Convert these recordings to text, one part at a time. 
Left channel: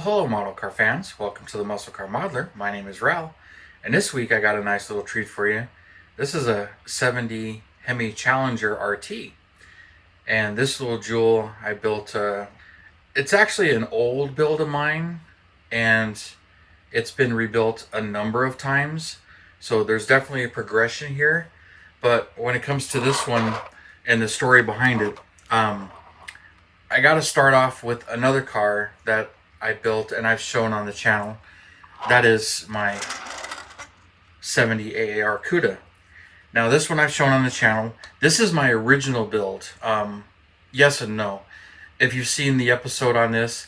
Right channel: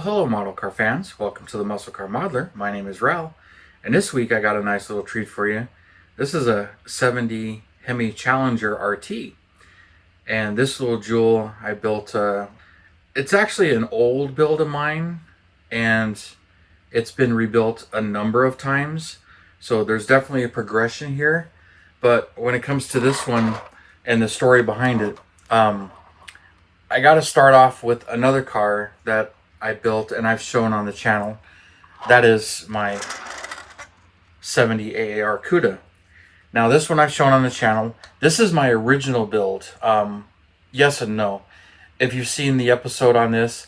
Well, hello, model car fans. Welcome to the Muscle Car Modeler. My name is Ral, and this week I got a nice little treat for you. This is a 70 Hemi Challenger RT, and this little jewel I built. It's actually an old build of mine, and it's been rebuilt a number of times. So there's definitely a progression here. But when it comes to this one and the story behind it, I got to start off with another car that I built and I've shown on the channel. That is my 70 AAR Cuda. Now this one I've shown on the channel. This is my original build. Yes and no. If you've seen the episode on this,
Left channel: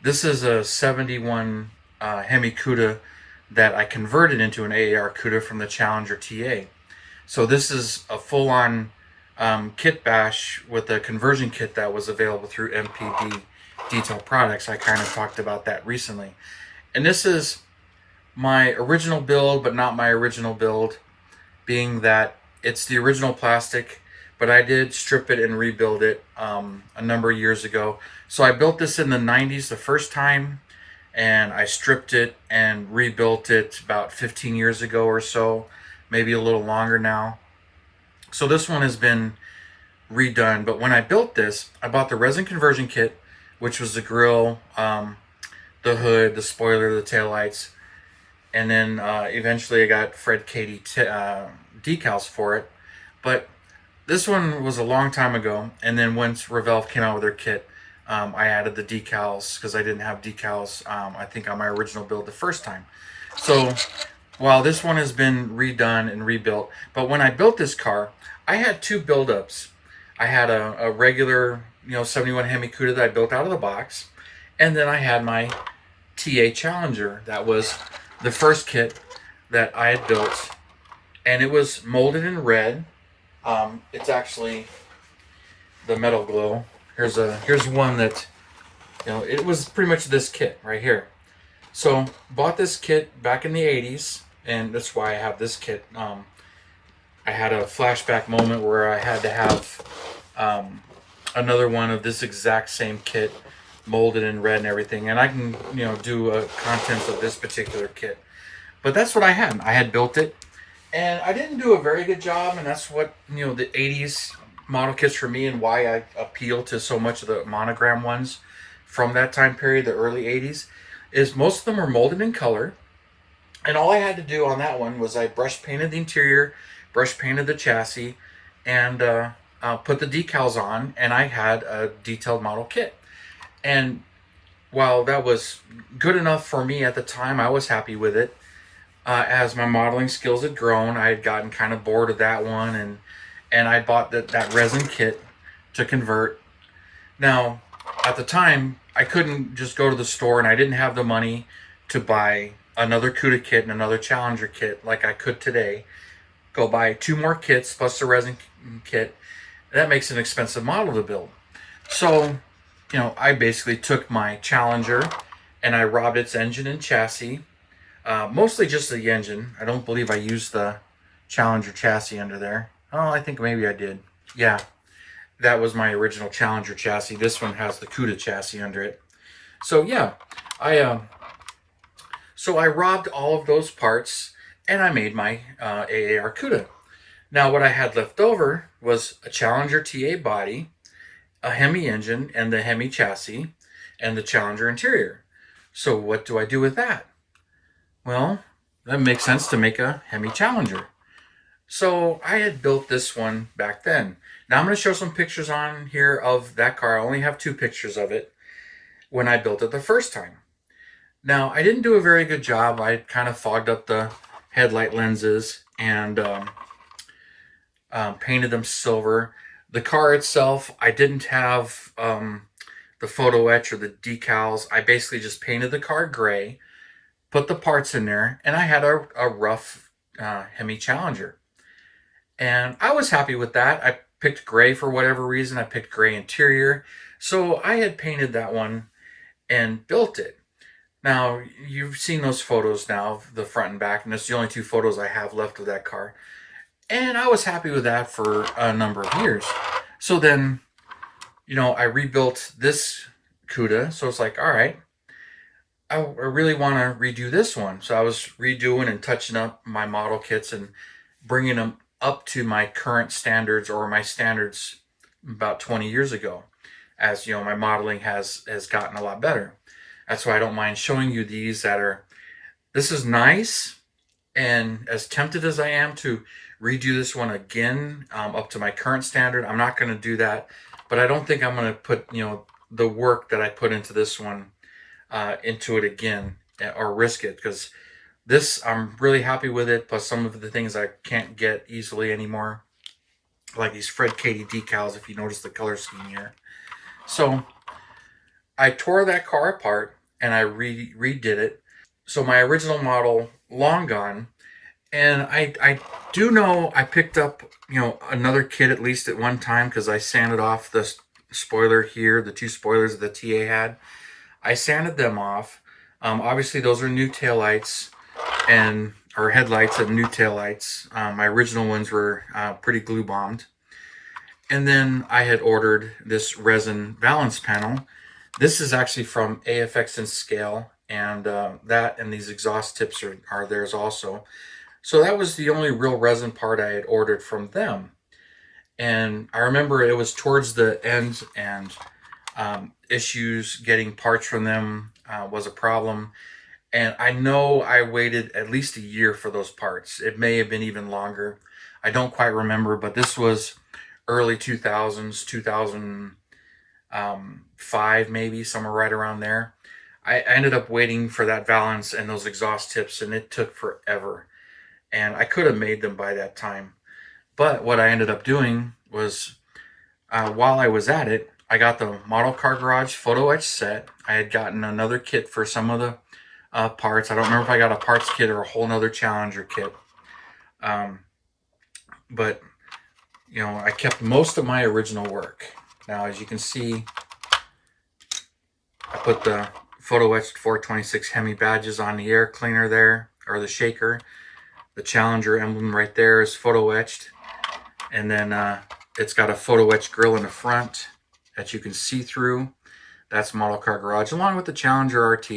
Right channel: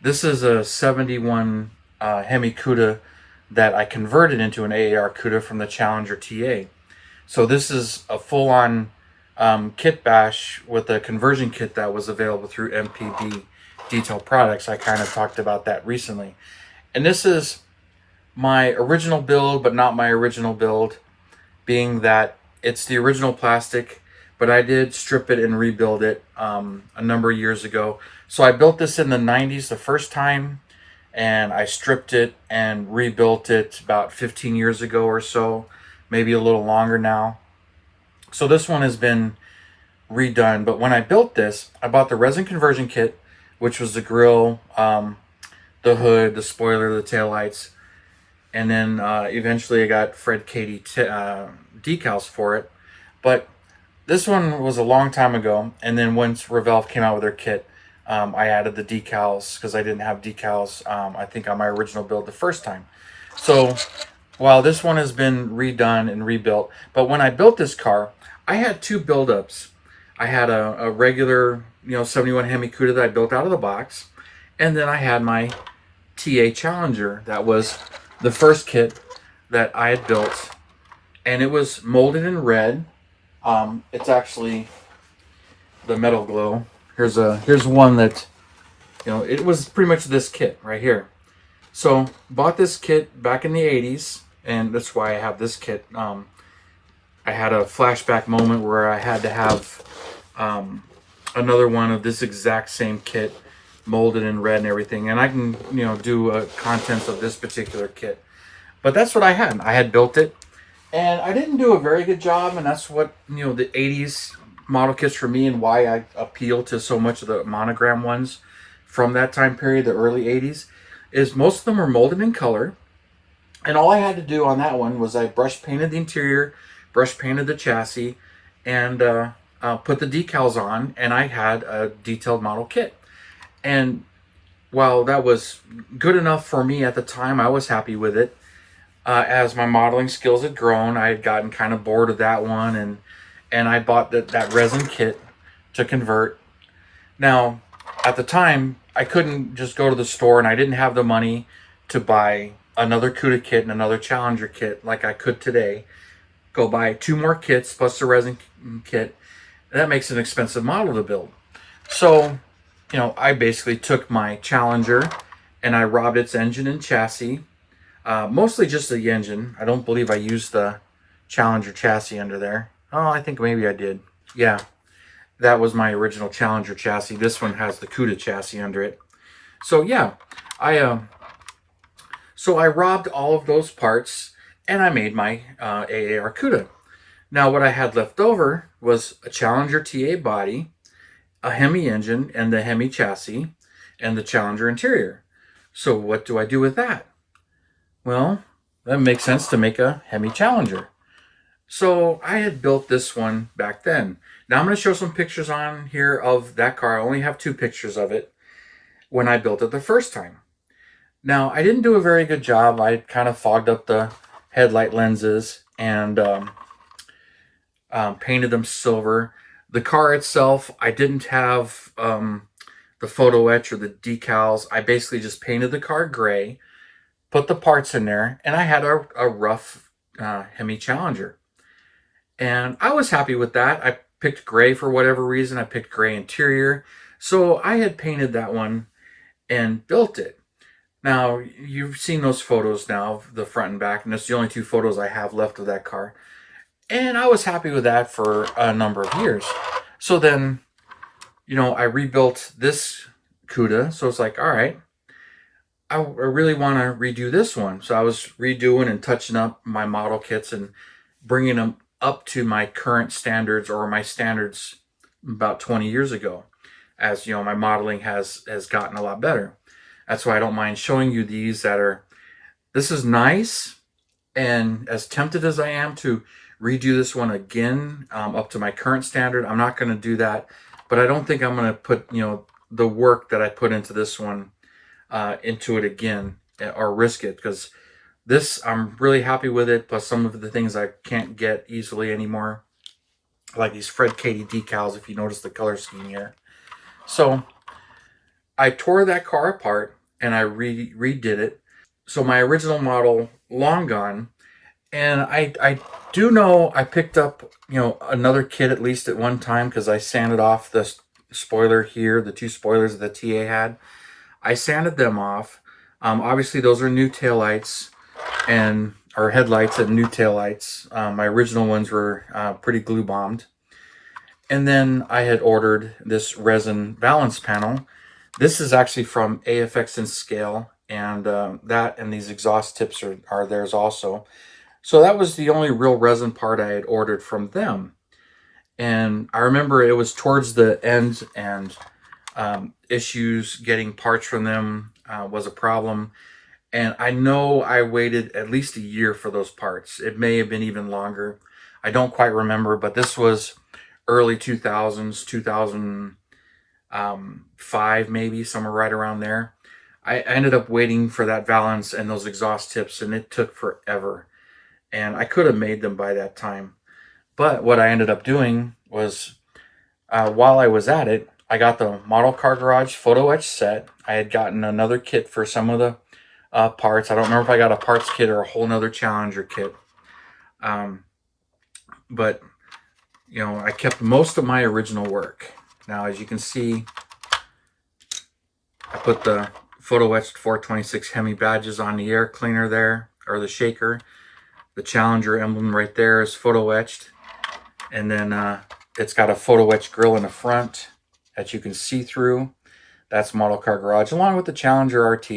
this is a 71 Hemi Cuda that I converted into an AAR Cuda from the Challenger TA. So this is a full-on kit bash with a conversion kit that was available through MPD Detail Products. I kind of talked about that recently. And this is my original build, but not my original build, being that it's the original plastic, but I did strip it and rebuild it a number of years ago. So I built this in the 90s the first time, and I stripped it and rebuilt it about 15 years ago or so, maybe a little longer now. So this one has been redone, but when I built this, I bought the resin conversion kit, which was the grill, the hood, the spoiler, the taillights, and then eventually I got Fred Katie decals for it. But this one was a long time ago, and then once Revolve came out with their kit, I added the decals because I didn't have decals, I think, on my original build the first time. So while this one has been redone and rebuilt, but when I built this car, I had two buildups. I had a regular, 71 Hemi Cuda that I built out of the box, and then I had my TA Challenger. That was the first kit that I had built, and it was molded in red. It's actually the metal glow. Here's one that, it was pretty much this kit right here. So bought this kit back in the 80s, and that's why I have this kit. I had a flashback moment where I had to have another one of this exact same kit molded in red and everything, and I can do a contents of this particular kit. But that's what I had. I had built it, and I didn't do a very good job, and that's what the 80s model kits for me, and why I appeal to so much of the Monogram ones from that time period, the early 80s, is most of them were molded in color, and all I had to do on that one was I brush painted the interior, brush painted the chassis, and put the decals on, and I had a detailed model kit. And while that was good enough for me at the time, I was happy with it. As my modeling skills had grown, I had gotten kind of bored of that one, and I bought that resin kit to convert. Now, at the time, I couldn't just go to the store, and I didn't have the money to buy another Cuda kit and another Challenger kit like I could today. Go buy two more kits plus the resin kit. That makes an expensive model to build. So, I basically took my Challenger and I robbed its engine and chassis. Mostly just the engine. I don't believe I used the Challenger chassis under there. Oh, I think maybe I did. Yeah, that was my original Challenger chassis. This one has the Cuda chassis under it. So yeah, I robbed all of those parts, and I made my AAR Cuda. Now what I had left over was a Challenger TA body, a Hemi engine, and the Hemi chassis, and the Challenger interior. So what do I do with that? Well, that makes sense to make a Hemi Challenger. So I had built this one back then. Now I'm going to show some pictures on here of that car. I only have two pictures of it when I built it the first time. Now, I didn't do a very good job. I kind of fogged up the headlight lenses and painted them silver. The car itself, I didn't have the photo etch or the decals. I basically just painted the car gray, put the parts in there, and I had a rough Hemi Challenger. And I was happy with that. I picked gray for whatever reason. I picked gray interior. So I had painted that one and built it. Now, you've seen those photos now, the front and back, and that's the only two photos I have left of that car. And I was happy with that for a number of years. So then, I rebuilt this Cuda. So it's like, all right, I really want to redo this one. So I was redoing and touching up my model kits and bringing them up to my current standards, or my standards about 20 years ago. As you know, my modeling has gotten a lot better. That's why I don't mind showing you these that are, this is nice. And as tempted as I am to redo this one again, up to my current standard, I'm not going to do that. But I don't think I'm going to put, the work that I put into this one into it again, or risk it, because this, I'm really happy with it. Plus some of the things I can't get easily anymore, like these Fred Katie decals, if you notice the color scheme here. So I tore that car apart and I redid it. So my original model, long gone. And I do know I picked up, another kit at least at one time, because I sanded off the spoiler here, the two spoilers that the TA had. I sanded them off. Obviously, those are new taillights or headlights and new taillights. My original ones were pretty glue bombed. And then I had ordered this resin balance panel. This is actually from AFX and Scale, and that and these exhaust tips are theirs also. So that was the only real resin part I had ordered from them. And I remember it was towards the end, and issues getting parts from them was a problem. And I know I waited at least a year for those parts. It may have been even longer. I don't quite remember, but this was early 2000s, 2005 maybe, somewhere right around there. I ended up waiting for that valance and those exhaust tips, and it took forever. And I could have made them by that time. But what I ended up doing was, while I was at it, I got the Model Car Garage photo etch set. I had gotten another kit for some of the parts. I don't remember if I got a parts kit or a whole nother Challenger kit. But, I kept most of my original work. Now, as you can see, I put the photo etched 426 Hemi badges on the air cleaner there, or the shaker. The Challenger emblem right there is photo etched. And then it's got a photo etched grill in the front that you can see through. That's Model Car Garage, along with the Challenger RT.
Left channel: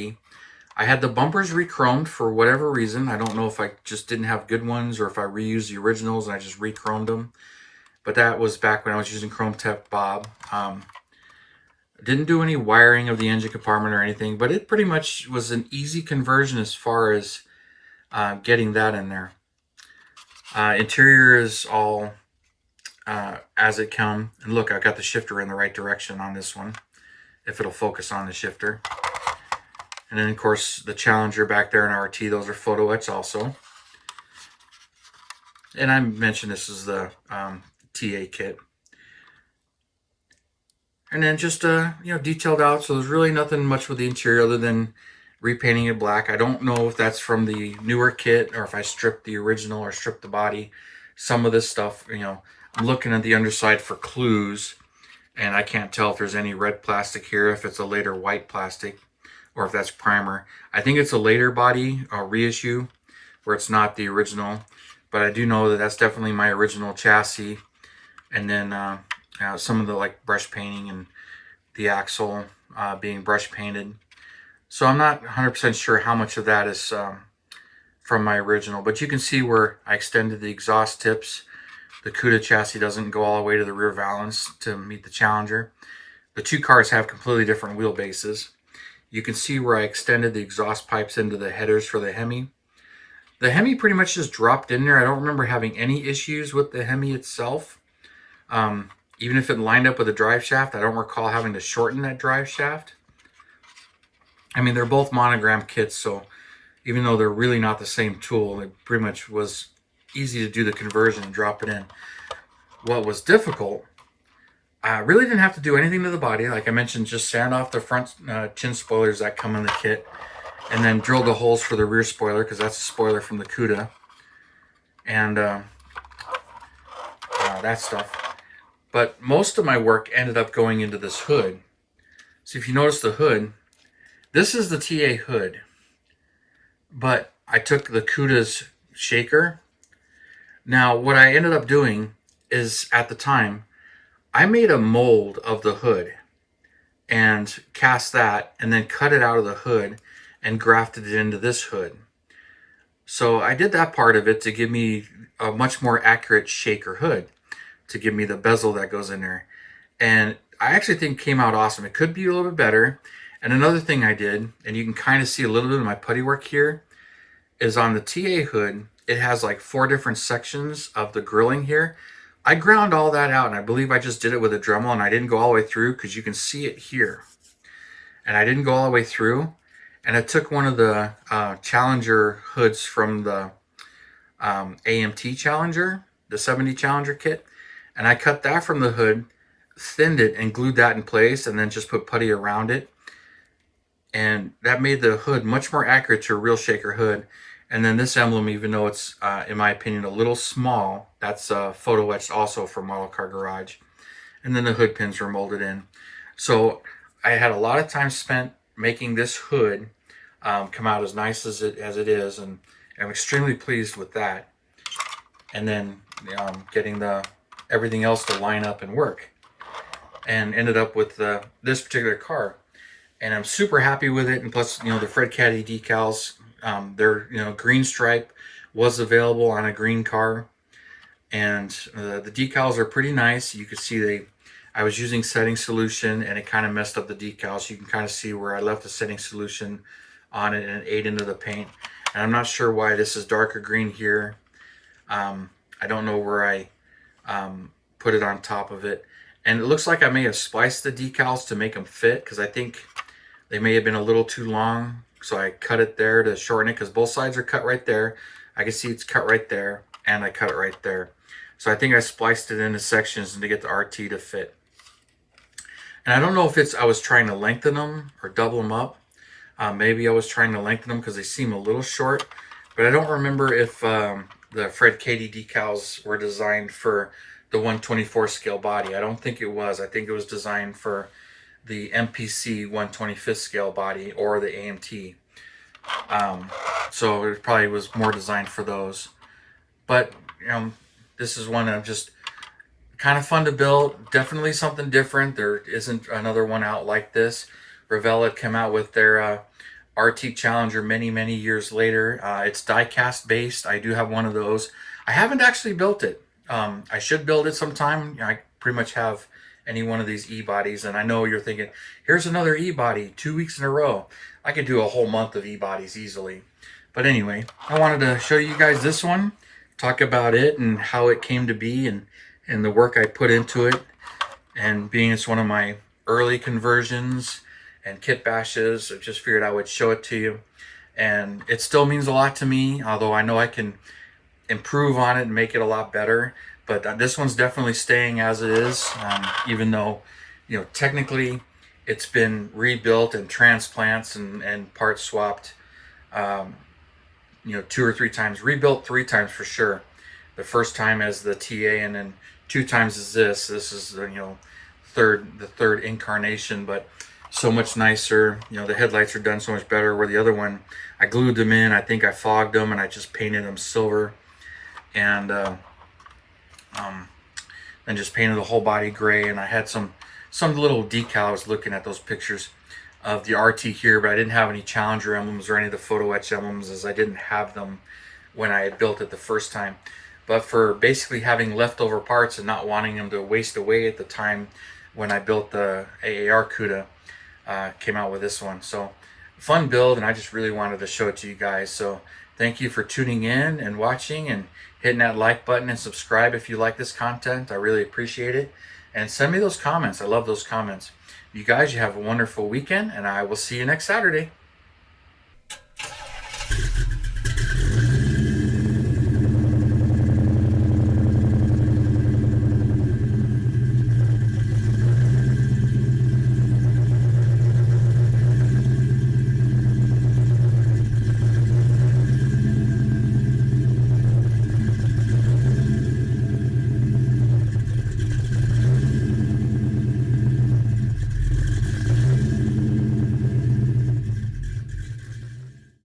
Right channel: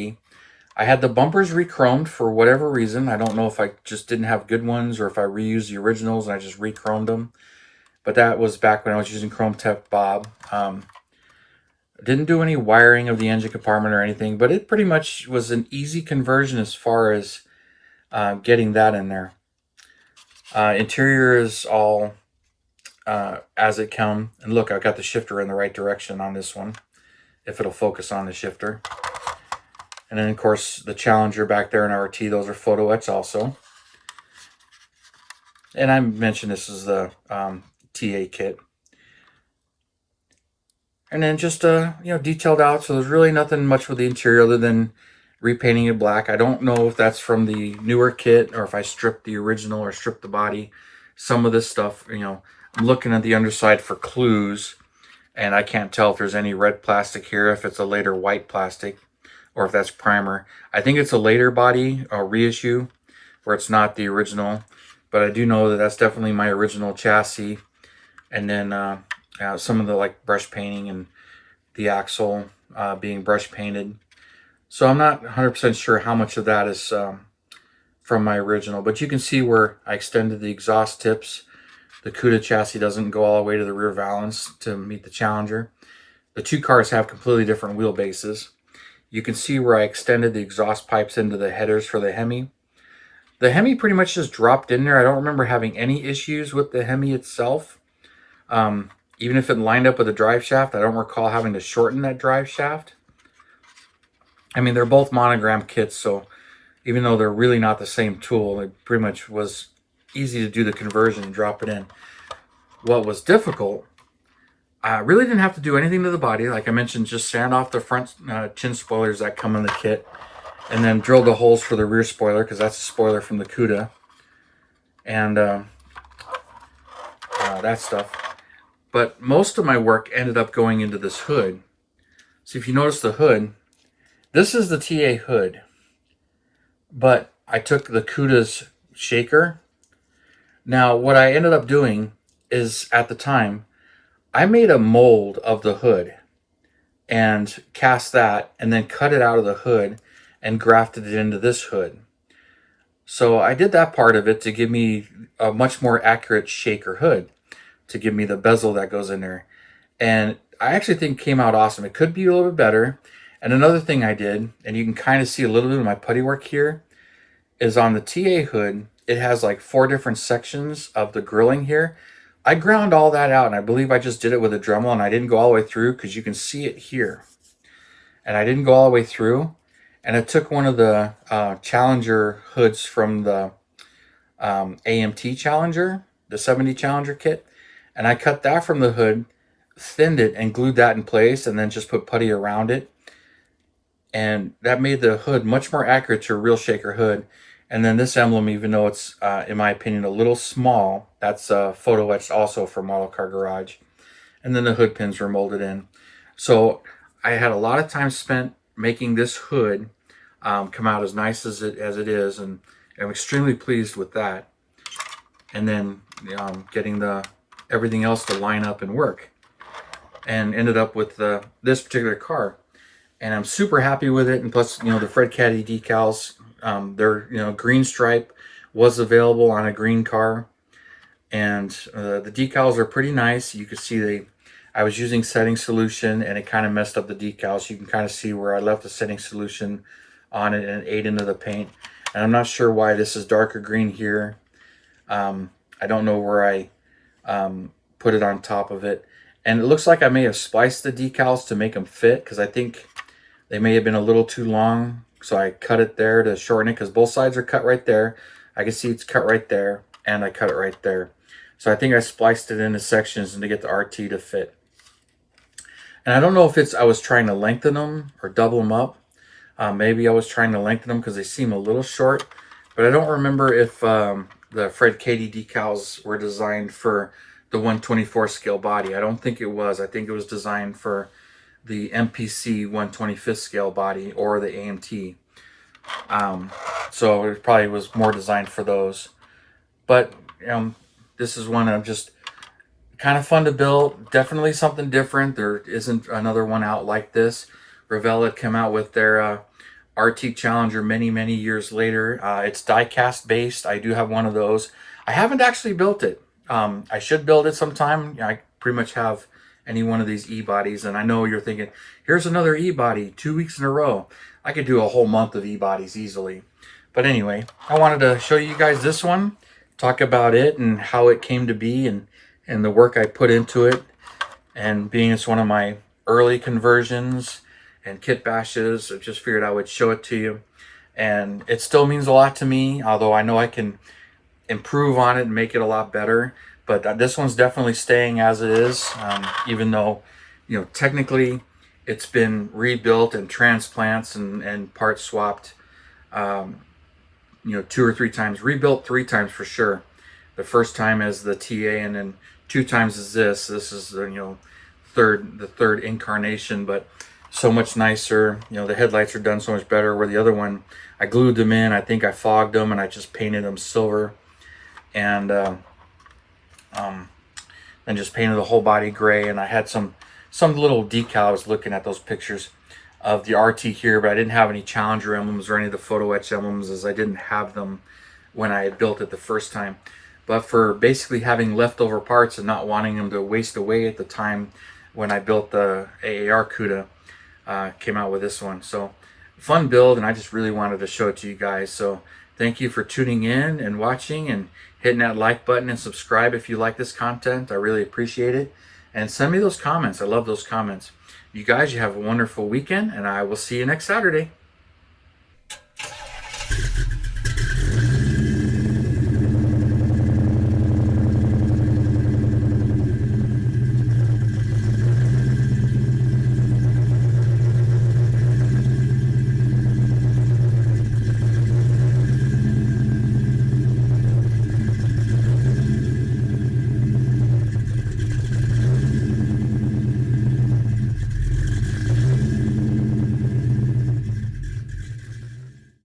I had the bumpers re-chromed for whatever reason. I don't know if I just didn't have good ones, or if I reused the originals and I just re-chromed them. But that was back when I was using Chrome Tech Bob. Didn't do any wiring of the engine compartment or anything, but it pretty much was an easy conversion as far as getting that in there. Interior is all as it come. And look, I've got the shifter in the right direction on this one, if it'll focus on the shifter. And then, of course, the Challenger back there in RT, those are photo etched also. And I mentioned this is the TA kit. And then just, detailed out. So there's really nothing much with the interior other than repainting it black. I don't know if that's from the newer kit, or if I stripped the original or stripped the body. Some of this stuff, I'm looking at the underside for clues, and I can't tell if there's any red plastic here, if it's a later white plastic, or if that's primer. I think it's a later body or reissue where it's not the original, but I do know that that's definitely my original chassis. And then some of the brush painting and the axle being brush painted. So I'm not 100% sure how much of that is from my original, but you can see where I extended the exhaust tips. The Cuda chassis doesn't go all the way to the rear valance to meet the Challenger. The two cars have completely different wheelbases. You can see where I extended the exhaust pipes into the headers for the Hemi. The Hemi pretty much just dropped in there. I don't remember having any issues with the Hemi itself. Even if it lined up with the drive shaft, I don't recall having to shorten that drive shaft. I mean, they're both Monogram kits, so even though they're really not the same tool, it pretty much was easy to do the conversion and drop it in. What was difficult, I really didn't have to do anything to the body. Like I mentioned, just sand off the front chin spoilers that come in the kit, and then drill the holes for the rear spoiler, because that's a spoiler from the Cuda, and that stuff. But most of my work ended up going into this hood. So if you notice the hood, this is the TA hood, but I took the Cuda's shaker. Now, what I ended up doing is, at the time, I made a mold of the hood and cast that, and then cut it out of the hood and grafted it into this hood. So I did that part of it to give me a much more accurate shaker hood, to give me the bezel that goes in there. And I actually think it came out awesome. It could be a little bit better. And another thing I did, and you can kind of see a little bit of my putty work here, is on the TA hood, it has like 4 different sections of the grilling here. I ground all that out, and I believe I just did it with a Dremel, and I didn't go all the way through because you can see it here. And I didn't go all the way through. And I took one of the Challenger hoods from the AMT Challenger, the 70 Challenger kit, and I cut that from the hood, thinned it, and glued that in place, and then just put putty around it. And that made the hood much more accurate to a real shaker hood. And then this emblem, even though it's, in my opinion, a little small, that's photo etched also from Model Car Garage. And then the hood pins were molded in. So I had a lot of time spent making this hood come out as nice as it is, and I'm extremely pleased with that. And then getting everything else to line up and work, and ended up with this particular car. And I'm super happy with it. And plus, the Fred Caddy decals, their green stripe was available on a green car, and the decals are pretty nice. You can see I was using setting solution, and it kind of messed up the decals. You can kind of see where I left the setting solution on it, and it ate into the paint. And I'm not sure why this is darker green here. I don't know where I put it on top of it. And it looks like I may have spliced the decals to make them fit, because I think they may have been a little too long. So I cut it there to shorten it, because both sides are cut right there. I can see it's cut right there, and I cut it right there. So I think I spliced it into sections to get the RT to fit. And I don't know if I was trying to lengthen them or double them up. Maybe I was trying to lengthen them because they seem a little short. But I don't remember if the Fred Caddy decals were designed for the 1/24 scale body. I don't think it was. I think it was designed for the MPC 1/25 scale body or the AMT. So it probably was more designed for those. But this is one I'm just kind of fun to build. Definitely something different. There isn't another one out like this. Revell came out with their RT Challenger many years later. It's die-cast based. I do have one of those. I haven't actually built it. I should build it sometime. I pretty much have any one of these e-bodies, and I know you're thinking, here's another e-body 2 weeks in a row. I could do a whole month of e-bodies easily. But anyway, I wanted to show you guys this one, talk about it and how it came to be, and the work I put into it. And being it's one of my early conversions and kit bashes, I just figured I would show it to you. And it still means a lot to me, although I know I can improve on it and make it a lot better. But this one's definitely staying as it is, even though, technically it's been rebuilt and transplants and parts swapped, 2 or 3 times. Rebuilt 3 times for sure. The first time as the TA, and then 2 times as this. This is the third incarnation, but so much nicer. The headlights are done so much better. Where the other one, I glued them in. I think I fogged them, and I just painted them silver, and then just painted the whole body gray. And I had some little decal. I was looking at those pictures of the RT here, but I didn't have any Challenger emblems or any of the photo etch emblems, as I didn't have them when I had built it the first time. But for basically having leftover parts and not wanting them to waste away at the time when I built the AAR Cuda, came out with this one. So fun build, and I just really wanted to show it to you guys. So thank you for tuning in and watching, and hitting that like button and subscribe if you like this content. I really appreciate it. And send me those comments. I love those comments. You guys, you have a wonderful weekend, and I will see you next Saturday.